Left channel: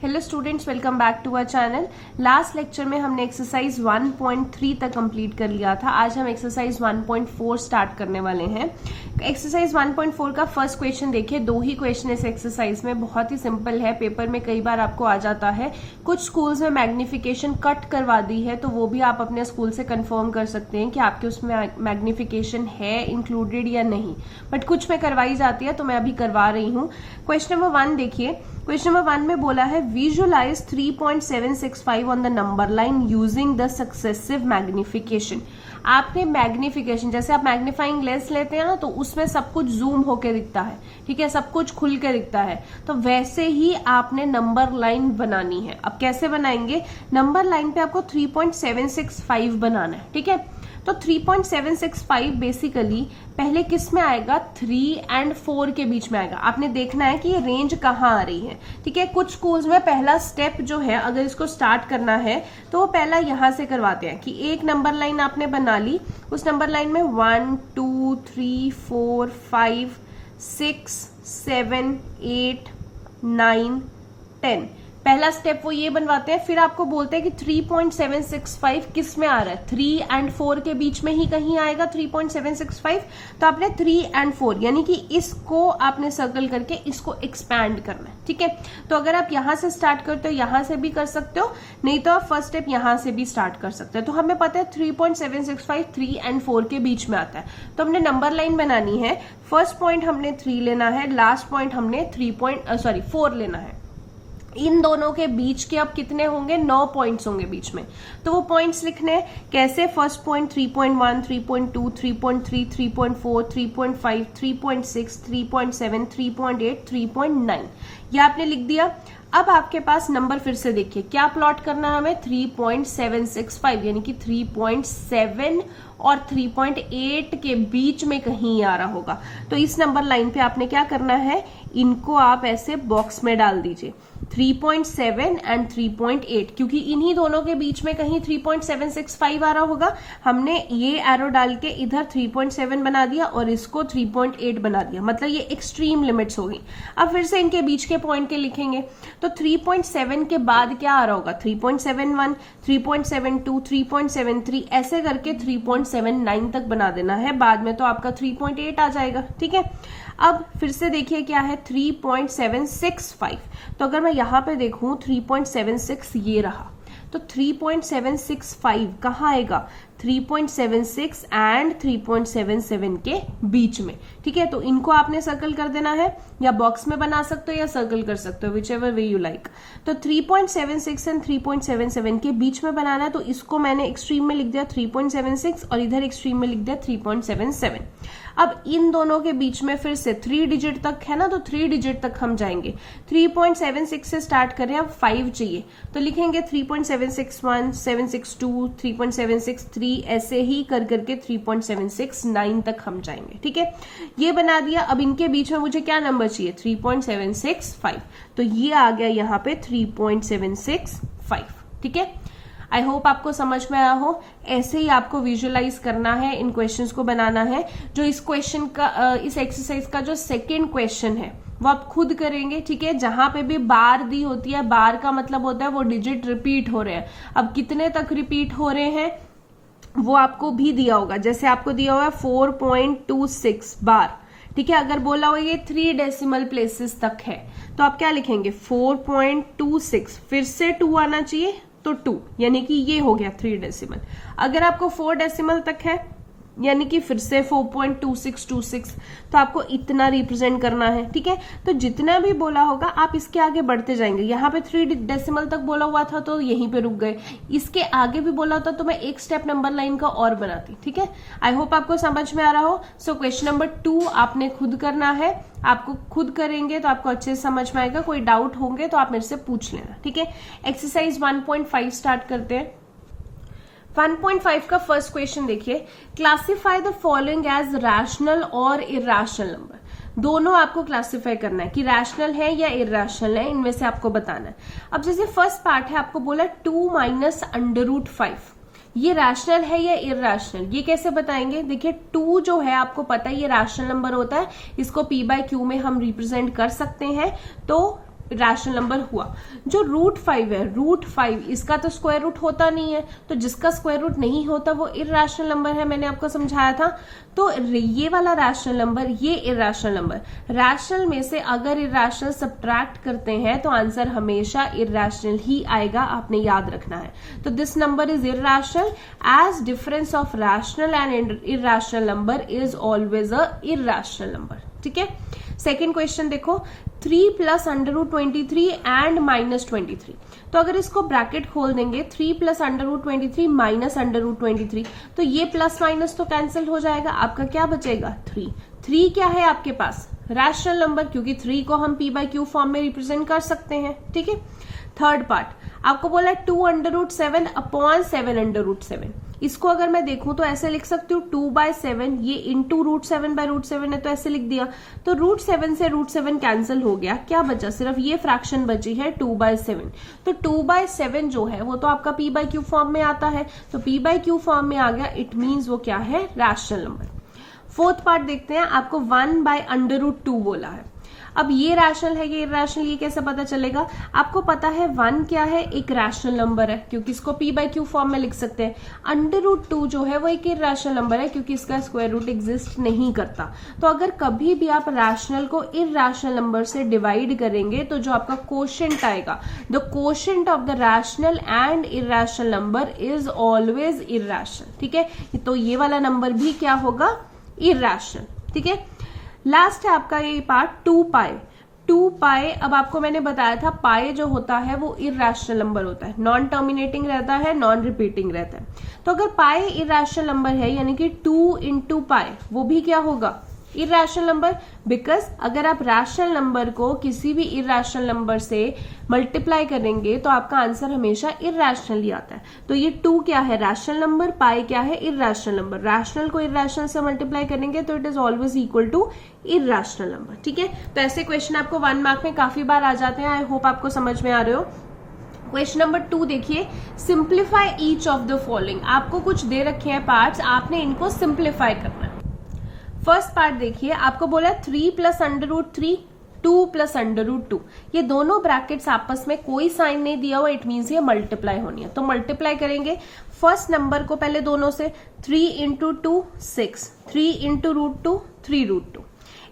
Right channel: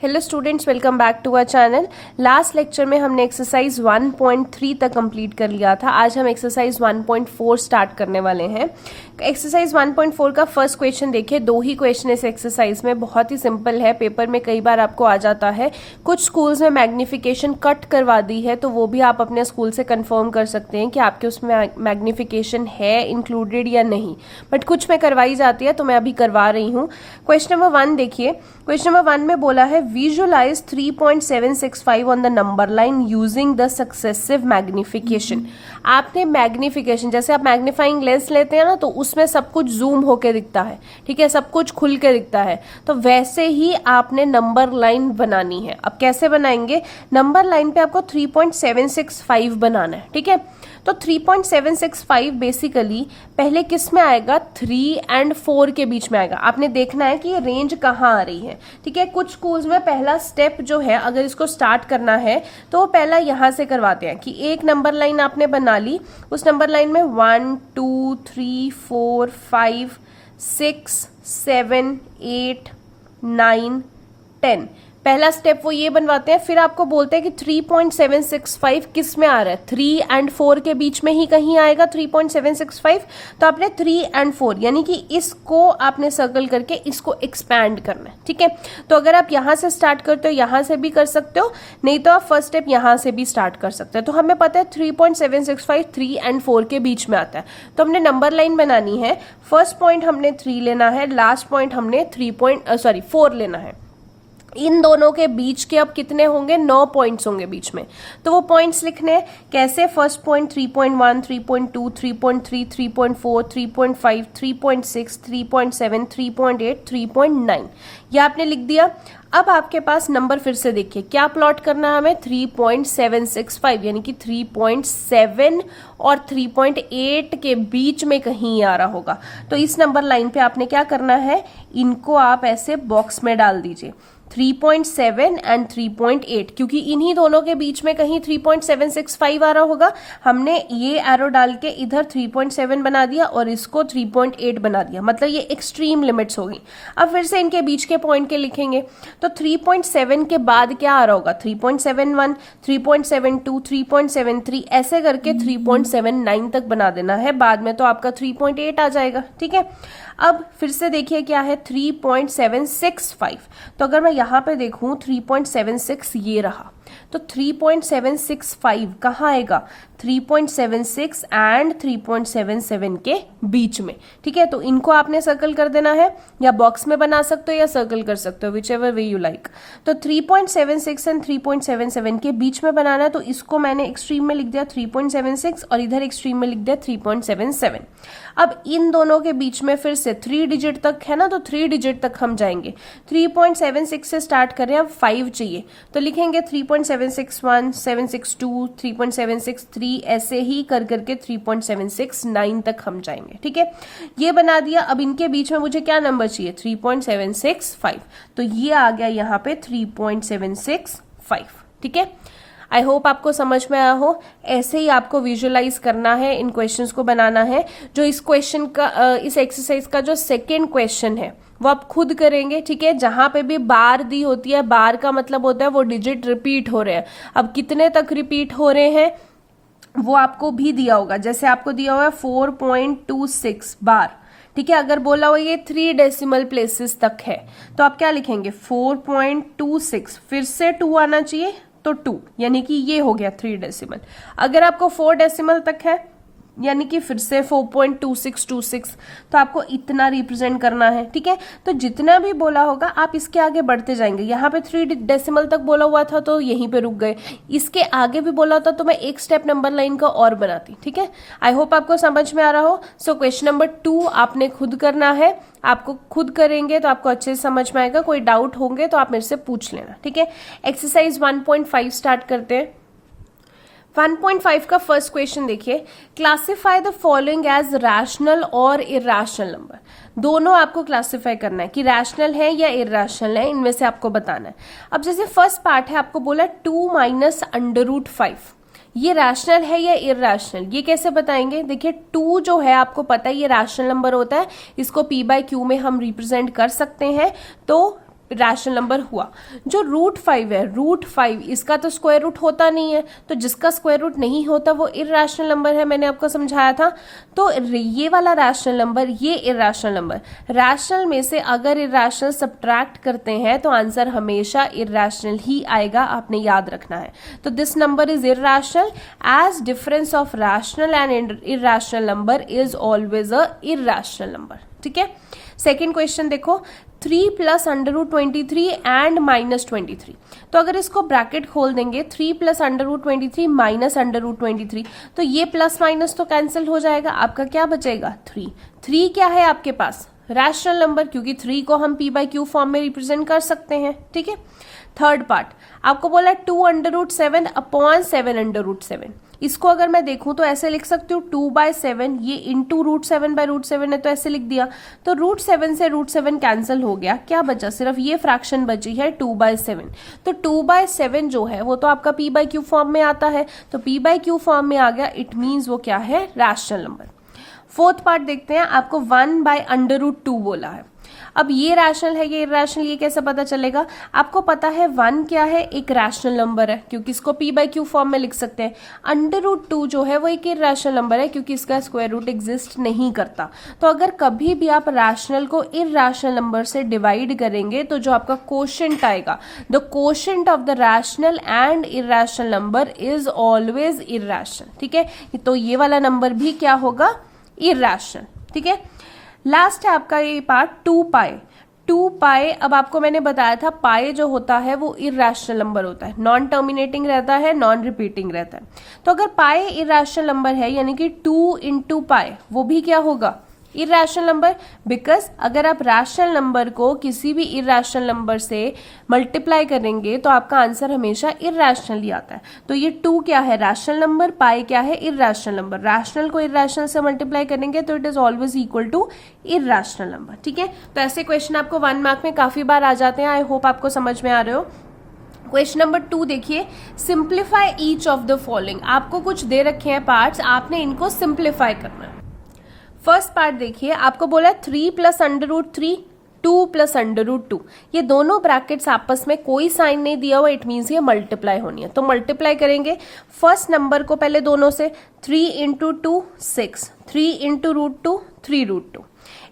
Hello students, welcome back to our channel. Last lecture में हमने exercise 1.3 तक complete कर लिया था। आज हम एक्सरसाइज 1.4 स्टार्ट करने वाले हैं। एक्सरसाइज 1.4 का फर्स्ट क्वेश्चन देखिए। दो ही क्वेश्चन इस एक्सरसाइज में, बहुत ही सिंपल है। पेपर में कई बार आपको आ जाता है। कुछ स्कूल्स में मैग्निफिकेशन कट करवा दी है, तो वो भी आप अपने स्कूल से कंफर्म कर सकते हैं कि आपके उसमें मैग्निफिकेशन है इंक्लूडेड या नहीं। बट कुछ में करवाई जाती है, तो मैं अभी करवा रही हूँ। क्वेश्चन नंबर 1 देखिए। क्वेश्चन नंबर 1 में बोला है visualise 3.765 on the number line using the successive magnification. आपने मैग्निफिकेशन, जैसे आप मैग्नीफाइंग लेंस लेते हैं ना, तो उसमें सब कुछ जूम होके दिखता है, ठीक है, सब कुछ खुल के दिखता है। तो वैसे ही आपने नंबर लाइन बनानी है। अब कैसे बनाएंगे? नंबर लाइन पे आपको 3.765 बनाना है, ठीक है। तो 3.765 बेसिकली पहले किस में आएगा? 3 और 4 के बीच में आएगा। आपने देखना है कि ये रेंज कहाँ आ रही है, ठीक है। कुछ स्कूल्स में पहला स्टेप जो है, अगर इसको स्टार्ट करना है तो वो पहला यहां से करवाते हैं कि एक नंबर लाइन आपने बना ली। उस नंबर लाइन में 1 2 3 4 5 6 7 8 9 10 पहला स्टेप वो ये बनवाते हैं। फिर आपको बोलते हैं कि 3.765 किस में आ रहा है? 3 और 4 के बीच में ही कहीं आएगा 3.765। तो आपने 3 और 4 यानी कि इसको आपने सर्कल करके इसको एक्सपैंड करना है, ठीक है। तो अगर आप यहां से स्टार्ट करते हो, यहां से भी कर सकते हो, नहीं तो आप फर्स्ट स्टेप यहां से भी स्टार्ट कर सकते हो। तो हमें पता है 3.765 3 और 4 के बीच में आता है। तो हमने नंबर लाइन बनानी है। फर्स्ट पॉइंट हमने 3 लेना है, लास्ट पॉइंट हमने 4 लेना है। इन दोनों के बीच के अब कितने होंगे? 9 पॉइंट्स होंगे बीच में। तो वो पॉइंट्स लिखने कैसे? फर्स्ट पॉइंट 3.1 3.2 3.3 3.4 3.5 3.6 3.7 3.8 3.9 ये आपने लिख दिया। अब आपके पास नंबर फिर से देखिए, क्या प्लॉट करना है हमें? 3.765 यानी कि 3.7 और 3.8 के बीच में कहीं आ रहा होगा। तो इस नंबर लाइन पे आपने क्या करना है? इनको आप ऐसे बॉक्स में डाल दीजिए, 3.7 और 3.8, क्योंकि इन्हीं दोनों के बीच में कहीं 3.765 आ रहा होगा। हमने ये एरो डाल के इधर 3.7 बना दिया और इसको 3.8 बना दिया, मतलब ये एक्सट्रीम लिमिट्स होगी। अब फिर से इनके बीच के पॉइंट के लिखेंगे, तो 3.7 के बाद क्या आ रहा होगा? 3.71 3.72 3.73 ऐसे करके 3.79 तक बना देना है। बाद में तो आपका 3.8 आ जाएगा, ठीक है। अब फिर से देखिए क्या है? 3.765। तो अगर मैं यहां पे देखूं 3.76 ये रहा, तो 3.765 कहाँ आएगा? 3.76 एंड 3.77 के बीच में, ठीक है। तो इनको आपने सर्कल कर देना है, या बॉक्स में बना सकते हो या सर्कल कर सकते हो, which ever way you like. तो 3.76 एंड 3.77 के बीच में बनाना है। तो इसको मैंने एक्सट्रीम में लिख दिया 3.76 और इधर एक्सट्रीम में लिख दिया 3.77। अब इन दोनों के बीच में फिर से 3 डिजिट तक है ना, तो 3 डिजिट तक हम जाएंगे। 3.76 से स्टार्ट करें, अब 5 चाहिए, तो लिखेंगे 3.761 762 3.763 ऐसे ही कर करके 3.769 तक हम जाएंगे, ठीक है। ये बना दिया। अब इनके बीच में मुझे क्या नंबर चाहिए? 3.765। तो ये आ गया यहाँ पे 3.765, ठीक है। आई होप आपको समझ में आया हो। ऐसे ही आपको विजुअलाइज करना है, इन क्वेश्चंस को बनाना है। जो इस क्वेश्चन का, इस एक्सरसाइज का जो सेकेंड क्वेश्चन है वो आप खुद करेंगे, ठीक है। जहां पे भी बार दी होती है, बार का मतलब होता है वो डिजिट रिपीट हो रहे हैं। अब कितने तक रिपीट हो रहे हैं वो आपको भी दिया होगा। जैसे आपको दिया हुआ है 4.26 बार, ठीक है। अगर बोला हो ये 3 डेसिमल प्लेसेस तक है, तो आप क्या लिखेंगे? 4.26 फिर से 2 आना चाहिए, तो 2 यानी कि ये हो गया 3 डेसिमल। अगर आपको 4 डेसिमल तक है, यानी कि फिर से 4.2626, तो आपको इतना रिप्रेजेंट करना है, ठीक है। तो जितना भी बोला होगा आप इसके आगे बढ़ते जाएंगे। यहाँ पे 3 डेसिमल तक बोला हुआ था तो यहीं पे रुक गए। इसके आगे भी बोला होता तो मैं एक स्टेप नंबर लाइन का और बनाती, ठीक है। आई होप आपको समझ में आ रहा हो। सो क्वेश्चन नंबर 2 आपने खुद करना है। आपको खुद करेंगे तो आपको अच्छे से समझ में आएगा। कोई डाउट होंगे तो आप मेरे से पूछ लेना, ठीक है। एक्सरसाइज 1.5 स्टार्ट करते हैं। 1.5 का फर्स्ट क्वेश्चन देखिए। Classify the following as rational और इरैशनल नंबर। दोनों आपको क्लासिफाई करना है कि रैशनल है या इरैशनल है, इनमें से आपको बताना है। अब जैसे फर्स्ट पार्ट है, आपको बोला 2 माइनस √5, ये रैशनल है या इरैशनल, ये कैसे बताएंगे? देखिए 2 जो है आपको पता है ये रैशनल नंबर होता है, इसको p/q में हम रिप्रेजेंट कर सकते हैं। तो रैशनल नंबर हुआ। जो रूट 5 है, रूट 5 इसका तो स्क्वायर रूट होता नहीं है, तो जिसका स्क्वायर रूट नहीं होता वो इर्रेशनल नंबर है, मैंने आपको समझाया था। तो ये वाला रैशनल नंबर, ये इर्रेशनल नंबर, रैशनल में से अगर इर्रेशनल सब्ट्रैक्ट करते हैं तो आंसर हमेशा इर्रेशनल ही आएगा, आपने याद रखना है। तो this number is irrational as difference of rational and irrational number is always a irrational number. ठीक है, सेकेंड क्वेश्चन देखो, 3 plus under root 23 and minus 23। तो अगर इसको ब्रैकेट खोल देंगे 3 plus under root 23 minus under root 23, तो ये प्लस माइनस तो कैंसिल हो जाएगा, आपका क्या बचेगा 3। 3 क्या है आपके पास, रैशनल नंबर, क्योंकि 3 को हम p बाई क्यू फॉर्म में रिप्रेजेंट कर सकते हैं। ठीक है, थर्ड पार्ट आपको बोला 2 under root 7 upon 7 under root 7। इसको अगर मैं देखूं तो ऐसे लिख सकती हूँ 2 बाय 7, ये इंटू रूट 7 बाय रूट 7 है, तो ऐसे लिख दिया। तो रूट 7 से रूट 7 कैंसिल हो गया, क्या बचा, सिर्फ ये फ्रैक्शन बची है 2 बाय 7। तो 2 बाय 7 जो है वो तो आपका p बाई क्यू फॉर्म में आता है, तो p बाई क्यू फॉर्म में आ गया, इट मीन्स वो क्या है, रैशनल नंबर। फोर्थ पार्ट देखते हैं, आपको 1 बाय अंडर रूट 2 बोला है। अब ये रैशनल है, ये इर्रेशनल, ये कैसे पता चलेगा, आपको पता है 1 क्या है, एक रैशनल नंबर है, क्योंकि इसको p बाई क्यू फॉर्म में लिख सकते हैं। अंडर रूट 2 जो है वो एक इर्रेशनल नंबर है, क्योंकि इसका स्क्वायर रूट एग्जिस्ट नहीं करता। तो अगर कभी भी आप रैशनल को इर्रेशनल नंबर से डिवाइड करेंगे तो जो आपका कोशेंट आएगा, the quotient of the rational and irrational number is always irrational. ठीक है, तो ये वाला नंबर भी क्या होगा, इर्रेशनल। ठीक है, लास्ट है आपका ये पार्ट 2 पाई। 2 पाई, अब आपको मैंने बताया था पाई जो होता है वो इर्रेशनल नंबर होता है, नॉन टर्मिनेटिंग रहता है, नॉन रिपीटिंग रहता है। तो अगर पाई इर्रेशनल नंबर है यानी कि 2 इंटू पाई, वो भी क्या होगा, इर्रेशनल नंबर। बिकॉज अगर आप रैशनल नंबर को किसी भी इर्रेशनल नंबर से मल्टीप्लाई करेंगे तो आपका आंसर हमेशा इर्रेशनल ही आता है। तो ये 2 क्या है, रैशनल नंबर, पाई क्या है, इर्रेशनल नंबर। रैशनल को इर्रेशनल से मल्टीप्लाई करेंगे तो it is always equal to irrational number. ठीक है, तो ऐसे क्वेश्चन आपको 1 मार्क में काफी बार आ जाते हैं, आई होप आपको समझ में आ रहे हो। क्वेश्चन नंबर 2 देखिए, simplify each of the following. आपको कुछ दे रखे हैं पार्ट्स, आपने इनको सिंप्लीफाई करना है। फर्स्ट पार्ट देखिए, आपको बोला 3 plus under root 3, 2 plus under root 2। ये दोनों ब्रैकेट्स आपस में कोई साइन नहीं दिया हुआ, इट मीन्स ये मल्टीप्लाई होनी है। तो मल्टीप्लाई करेंगे फर्स्ट नंबर को पहले दोनों से, 3 इंटू 2 6, 3 इंटू रूट 2 3 रूट 2,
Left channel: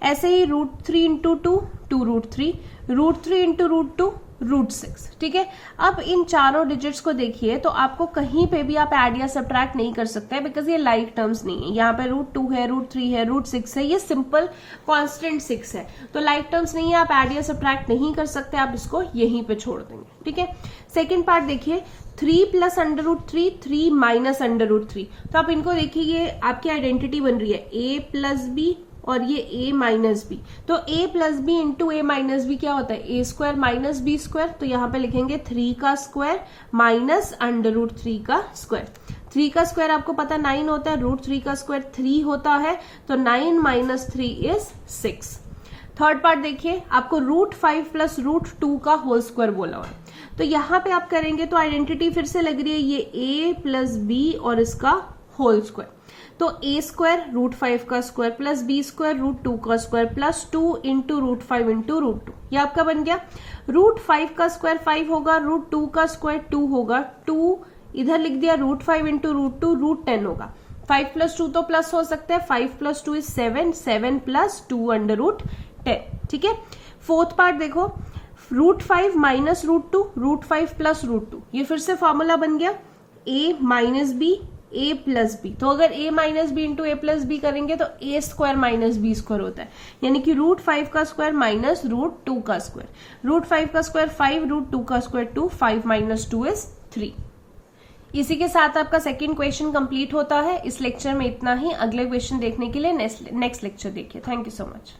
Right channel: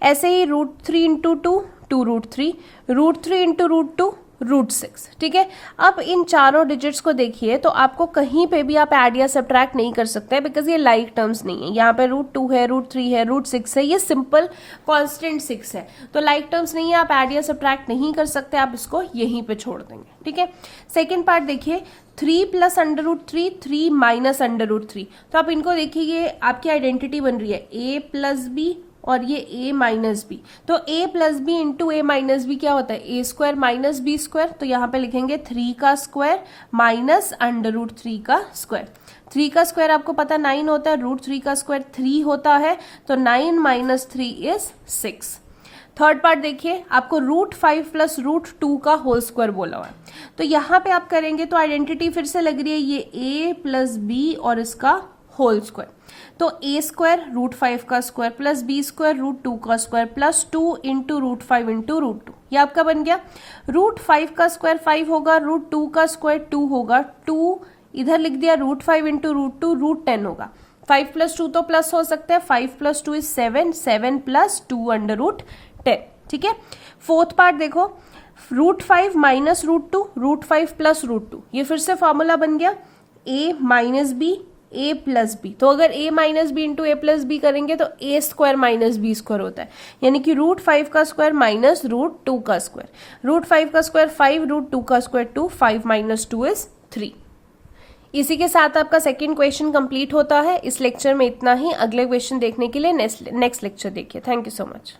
ऐसे ही root 3 into 2 2 root 3, root 3 into root 2 root 6। ठीक है, अब इन चारों डिजिट्स को देखिए तो आपको कहीं पे भी आप ऐड या सब्ट्रैक्ट नहीं कर सकते बिकॉज ये लाइक टर्म्स नहीं है। यहाँ पे रूट 2 है, रूट 3 है, रूट 6 है, ये सिंपल कांस्टेंट 6 है, तो लाइक टर्म्स नहीं है, आप ऐड या सब्ट्रैक्ट नहीं कर सकते, आप इसको यहीं पे छोड़ देंगे। ठीक है, सेकेंड पार्ट देखिए, 3 plus under root 3, 3 minus under root 3। तो आप इनको देखिए, ये आपकी आइडेंटिटी बन रही है a प्लस बी और ये a माइनस बी। तो a plus b into a minus b क्या होता है, a square minus b square. तो यहाँ पे लिखेंगे 3 का स्क्वायर माइनस अंडर रूट 3 का स्क्वायर। 3 का स्क्वायर आपको पता 9 होता है, रूट 3 का स्क्वायर 3 होता है, तो 9 माइनस 3 इज 6। थर्ड पार्ट देखिए, आपको रूट 5 प्लस रूट 2 का होल स्क्वायर बोला हुआ है। तो यहाँ पे आप करेंगे तो आइडेंटिटी फिर से लग रही है, ये a प्लस बी और इसका होल स्क्वायर। तो a स्क्वायर रूट 5 का square plus b square root 2 का square plus 2 into root 5 into root 2, ये आपका बन गया। रूट 5 का स्क्वायर 5 होगा, रूट 2 का स्क्वायर 2 होगा, 2 इधर लिख दिया, रूट 5 इंटू रूट 2 रूट 10 होगा। 5 प्लस 2 तो प्लस हो सकता है, 5 plus 2 is 7, 7 plus 2 under root 10। ठीक है, फोर्थ पार्ट देखो, root 5 minus root 2, root 5 plus root 2, ये फिर से फॉर्मूला बन गया a minus b a plus b. तो अगर a minus b into a plus b करेंगे तो a square minus b square होता है, यानी कि रूट 5 का स्क्वायर माइनस रूट 2 का स्क्वायर। रूट 5 का स्क्वायर 5, रूट 2 का स्क्वायर 2, 5 माइनस 2 इज 3। इसी के साथ आपका सेकेंड क्वेश्चन कंप्लीट होता है। इस लेक्चर में इतना ही। अगले क्वेश्चन देखने के लिए नेक्स्ट लेक्चर देखिए। Thank you so much.